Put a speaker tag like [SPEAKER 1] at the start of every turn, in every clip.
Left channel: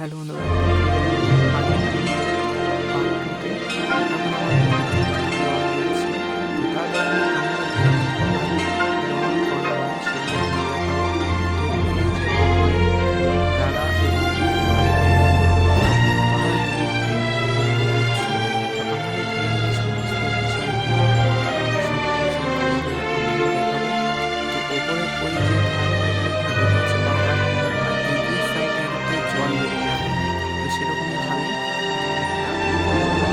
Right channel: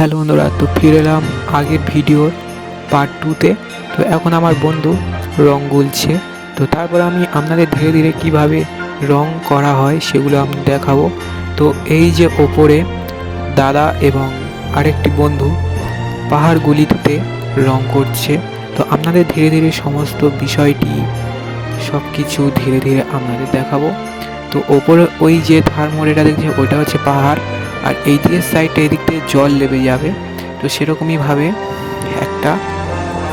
[SPEAKER 1] Hello বন্ধুরা, তো ফিরে এলাম আগের ভিডিও পার্ট টুতে তো। এখন আমার বন্ধু রং গুলছে। তো তারপর আমি আপনাদের ধীরে ধীরে কীভাবে রং করা হয় সেগুলো আমি দেখাবো। তো এই যে ওপরে দাদা এবং আরেকটি বন্ধু পাহাড়গুলিতে রং করছে। তো আপনাদের ধীরে ধীরে সমস্ত বিষয়টি সব কিছু ধীরে ধীরে আপনাদের দেখাবো। তো ওপরে ওই যে থার্মোরেটা দেখছেন, ওটা হচ্ছে পাহাড়। আর এই দিকের সাইডটা এদিক থেকে জল লেবে যাবে, তো সেরকমইভাবে একটা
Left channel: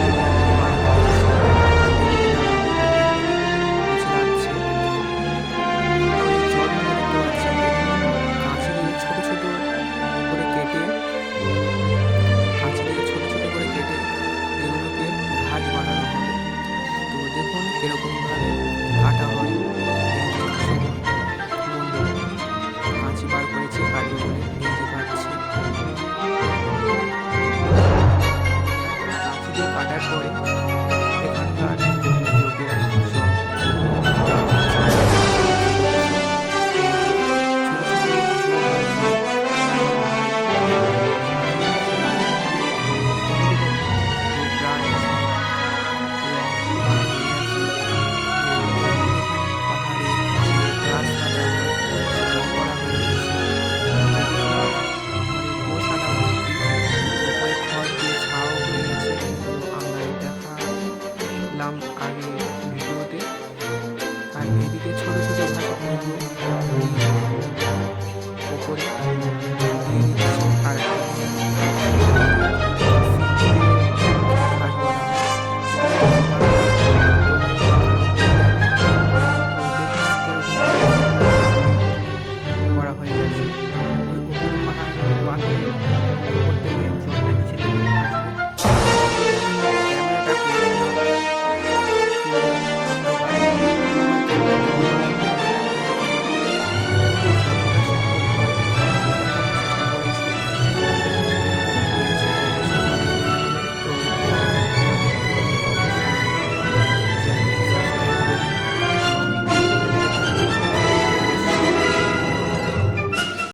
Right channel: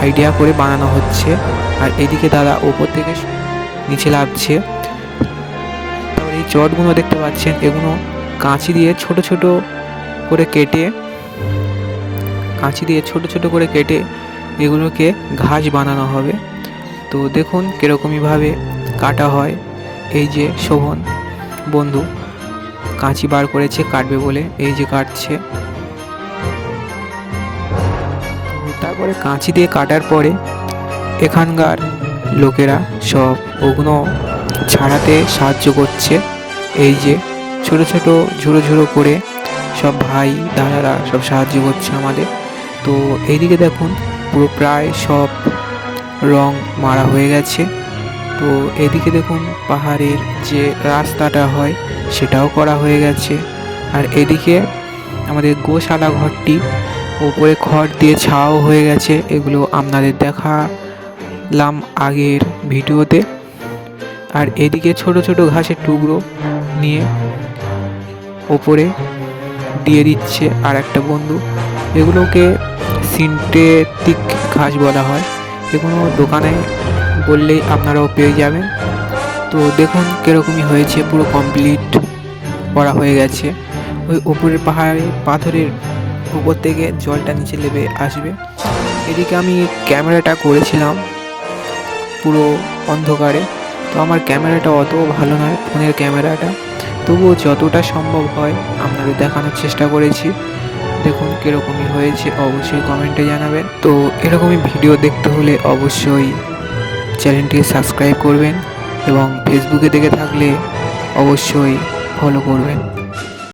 [SPEAKER 1] আইডিয়া করে বানানো হচ্ছে। আর এদিকে দাদা ওপর থেকে নিচে লাগছে। এই চটগুলো দেখতে পাচ্ছেন, এগুলো কাঁচি দিয়ে ছোট ছোট করে কেটে, কাঁচি দিয়ে ছোট ছোট করে কেটে এগুলোকে ঘাস বানানো হবে। তো দেখুন কীরকমইভাবে কাটা হয়। এই যে শোভন, বন্ধু। কাঁচি বার করেছে, কাটবে বলে। এই যে কাটছে। তারপরে কাঁচি দিয়ে কাটার পরে এখানকার লোকেরা সব ওগুলো ছাড়াতে সাহায্য করছে। এই যে ছোট ছোট ঝুড়ো ঝুড়ো করে সব ভাই, দাদারা সব সাহায্য করছে আমাদের। তো এইদিকে দেখুন, পুরো প্রায় সব রং মারা হয়ে গেছে। তো এদিকে দেখুন পাহাড়ের যে রাস্তাটা হয়, সেটাও করা হয়ে গেছে। আর এদিকে আমাদের গোশালা ঘরটি উপরে খড় দিয়ে ছাও হয়ে গেছে। এগুলো আপনাদের দেখালাম আগের ভিডিওতে। আর এদিকে ছোট ছোট ঘাসের টুকরো নিয়ে ওপরে দিয়ে দিচ্ছে আর একটা বন্ধু। এগুলোকে সিনথেটিক ঘাস বলা হয়। এগুলো দোকানে বললেই আপনারাও পেয়ে যাবেন। তো দেখুন কীরকমই হয়েছে, পুরো কমপ্লিট করা হয়ে গেছে। ওই উপরের পাহাড়ে, পাথরের উপর থেকে জলটা নিচে নেমে আসবে। এদিকে আমি ক্যামেরাটা করেছিলাম পুরো অন্ধকারে। তো আমার ক্যামেরাটা অত ভালো নয়, ফোনের ক্যামেরাটা। তবুও যতটা সম্ভব হয় আপনাদের দেখানোর চেষ্টা করেছি। দেখুন কীরকমই হয়েছে, অবশ্যই কমেন্টে জানাবেন। তো এরকমই ভিডিও দেখতে হলে অবশ্যই চ্যানেলটি সাবস্ক্রাইব করবেন এবং ফেসবুকে দেখে থাকলে অবশ্যই ফলো করবেন।